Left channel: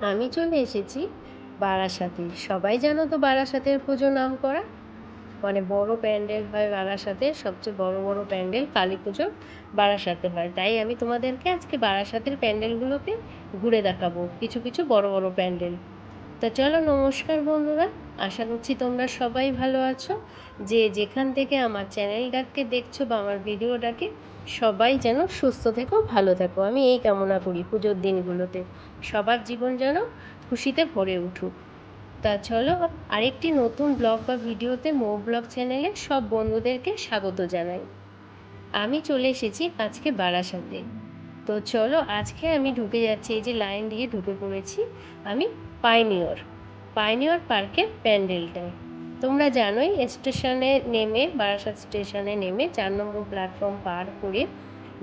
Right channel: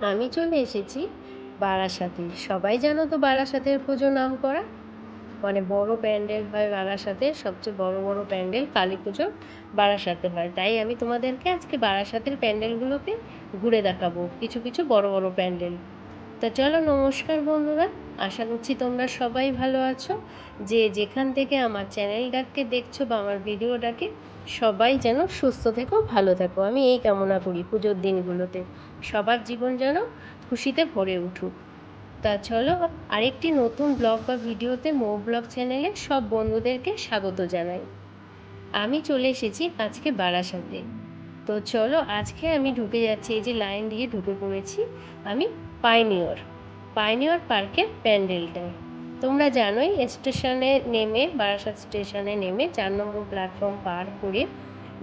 আমি চলে এসেছি বারাসাতে। সবাই জানো তো বারাসাতের পুজো নাম করা? মানে বড় প্যান্ডেল হয় বারাসাতে সবচেয়ে বড় বড় প্যান্ডেল কালী পুজো বারাসাতে হয়। তাই আমি তোমাদেরকে আজকে বারাসাতের প্যান্ডেলগুলোকে ঘুরে দেখাবো, কিছু কিছু বড় বড় প্যান্ডেল। তা চলো, নমস্কার বন্ধুরা। আশা করছি তোমরা সবাই ভালো আছো। যে যেখান থেকে আমার চ্যানেলটাকে দেখছ বা আমার ভিডিওটাকে সবাই যেন সুস্থ থেকো, ভালো থাকো। আমি এই কামনা করি পুজোর দিনগুলোতে। সবার জীবন যেন খুশিতে ভরে উঠুক। তা চলো, আরেকটি নতুন ব্লগ বা ভিডিওতে মো ব্লগ চ্যানেলে সব বন্ধুদেরকে স্বাগত জানাই। আমি চলে এসেছি আজকে বারাসাতে। তো চলো, আজকে আমি ঢুকে যাচ্ছি, এই যে লাইন দিয়ে ঢুকে পড়েছি। আমি পাইনিয়র। পাইনিয়র পার্কের প্যান্ডেলটায়। তোমরা জানোই, স্টেশনে নেমে, বারাসাত স্টেশনে নেমে চার নম্বর প্ল্যাটফর্ম পার করে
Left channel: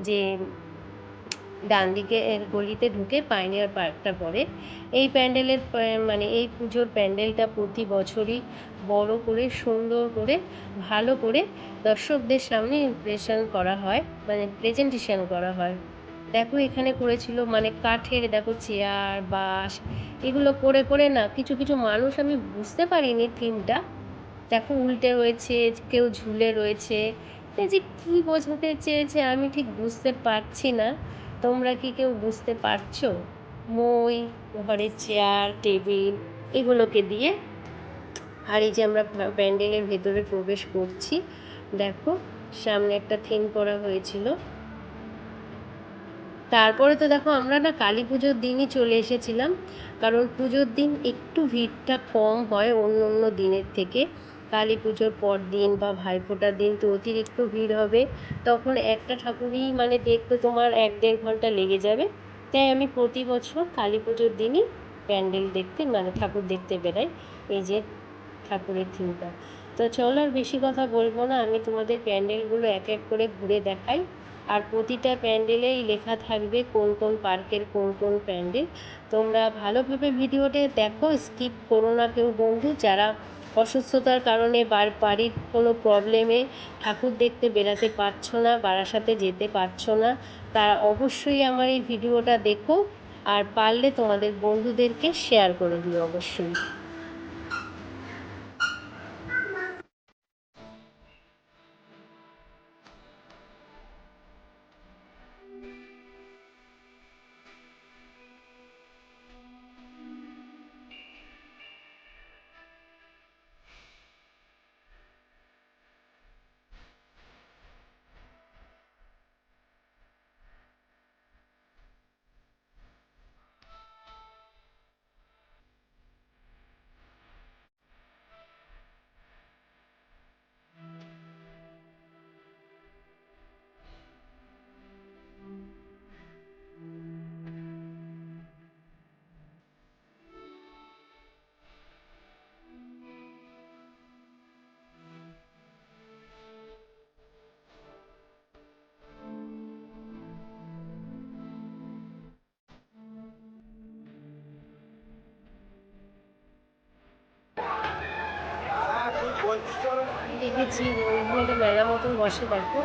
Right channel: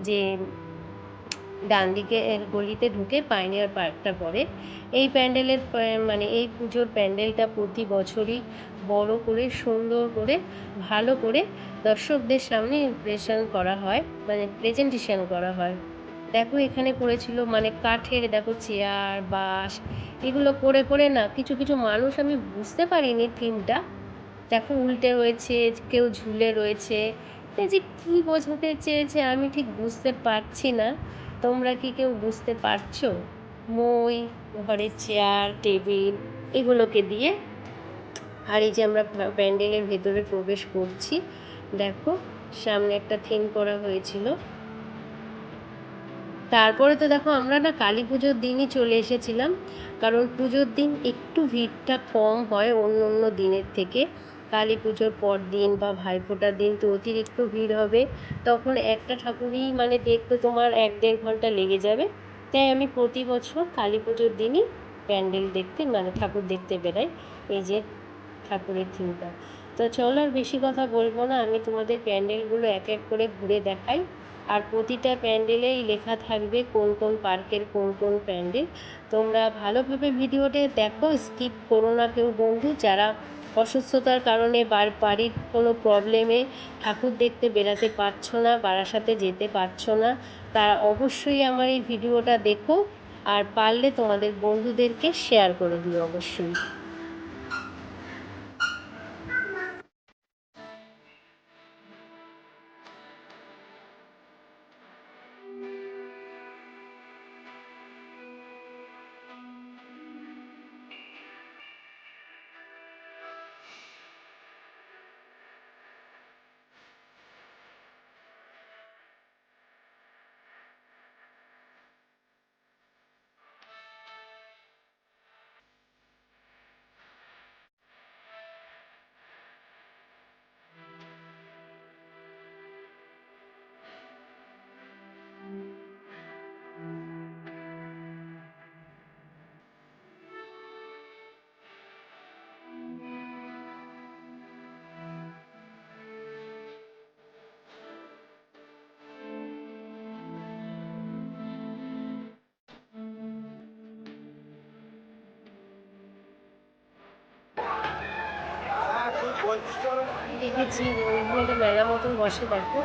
যে ডান দিকে গলিতে ঢুকে পাইনিয়ার পার্কটা পড়ে। এই প্যান্ডেলের মানে এই পুজোর প্যান্ডেলটা প্রতি বছরই বড় করে, সুন্দর করে, ভালো করে দর্শকদের সামনে ইমপ্রেশন করা হয় মানে প্রেজেন্টেশন করা হয়। দেখো এখানে করেছিল মানে কাঠের দেখো চেয়ার বাস এগুলো করে করে না, কিছু কিছু মানুষ আমি বুঝতে পারিনি থিমটা দেখো উল্টে রয়েছে কেউ ঝুলে রয়েছে। যে কী বোঝাতে চেয়েছে আমি ঠিক বুঝতে পারছি না। তোমরা কি কেউ বুঝতে পারছ? মই, ঘরের চেয়ার টেবিল এগুলোকে দিয়ে আর এই যে আমরা প্যান্ডেলের ভেতরে প্রবেশ করছি, দেখো সামনে একটা থিম করা হয়েছিল। তারপরে তো দেখো আমরা না কালী পুজোর দিনই চলে এসেছিলাম, কারণ পুজোর দিন একটু ভিড়টা কম হয় অন্য অন্য দিনের থেকে। কালী পুজোর পর দিন বা ভাইফোঁটার দিন তো অতিরিক্ত ভিড় হবে, তখন একটা ঠাকুরই মানে দেখতে তোমার এক দেড় ঘণ্টা লেগে যাবে। তাই আমি প্রতি বছর কালী পুজোর দিনই প্যান্ডেল দেখতে মানে ঠাকুর দেখতে বেরাই, এই যে ঠাকুরের থিমটা তো চলো আর বেশি কথা বলব না, আমি তোমাদের প্যান্ডেলগুলো এক এক করে ঘুরে দেখাই। আর প্রতিটা প্যান্ডেলেই লেখা থাকবে কোন কোন পার্কের কোন কোন প্যান্ডেল। তোমরা ভালোভাবে ভিডিওটা দেখো, স্কিপ করো না কেউ বন্ধু, যারা অসুস্থতার কারণে বার বাড়ির কোনো প্রবলেমে ঠাকুর দেখতে বেরাতে পারছ না, বারাসাতে যেতে পারছ না তারা অবশ্যই আমার এই ভিডিওটা দেখো আর পারলে তোমাদের বন্ধুদেরকে শেয়ার করে দিও অবশ্যই। দেখেছি ওইখানে মেলা মতন বসে, দেখো।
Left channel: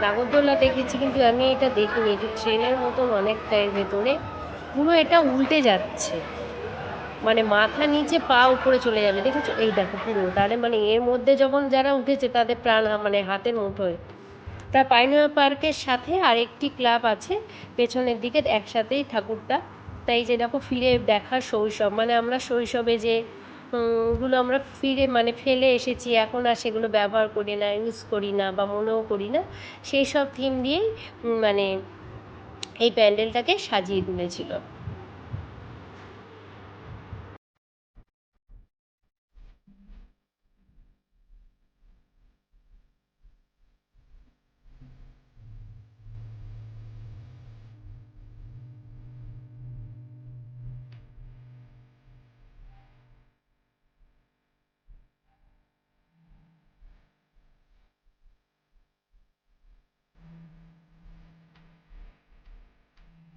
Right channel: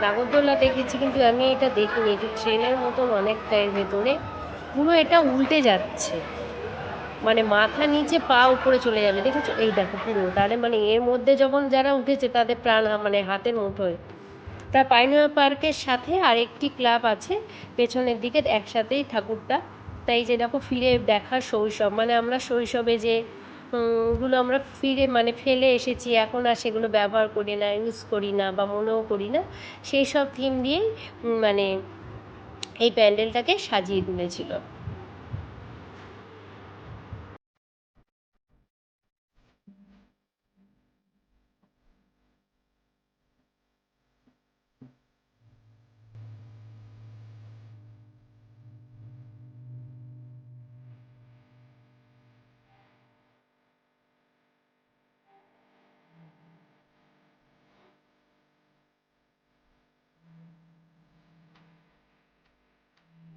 নাগরদোলা দেখেছি, কিন্তু আমি এটা দেখিনি এটা ট্রেনের মতন অনেকটা এর ভেতরে। পুরো এটা উল্টে যাচ্ছে। মানে মাথা নিচে পা উপরে চলে যাবে, দেখেছ? এই দেখো পুরো। তাহলে মানে এর মধ্যে যখন যারা উঠেছে, তাদের প্রাণ মানে হাতের মুঠোয় তা পাইনিয়া পার্কের সাথে আরেকটি ক্লাব আছে, পেছনের দিকে একসাথেই ঠাকুরটা। তাই যে দেখো, ফিরে দেখার শৈশব। মানে আমরা শৈশবে যে গুলো আমরা ফিরে মানে ফেলে এসেছি। এখন আর সেগুলো ব্যবহার করি না ইউজ করি না বা মনেও করি না। সেই সব থিম দিয়েই মানে এই প্যান্ডেলটাকে সাজিয়ে তুলেছিল।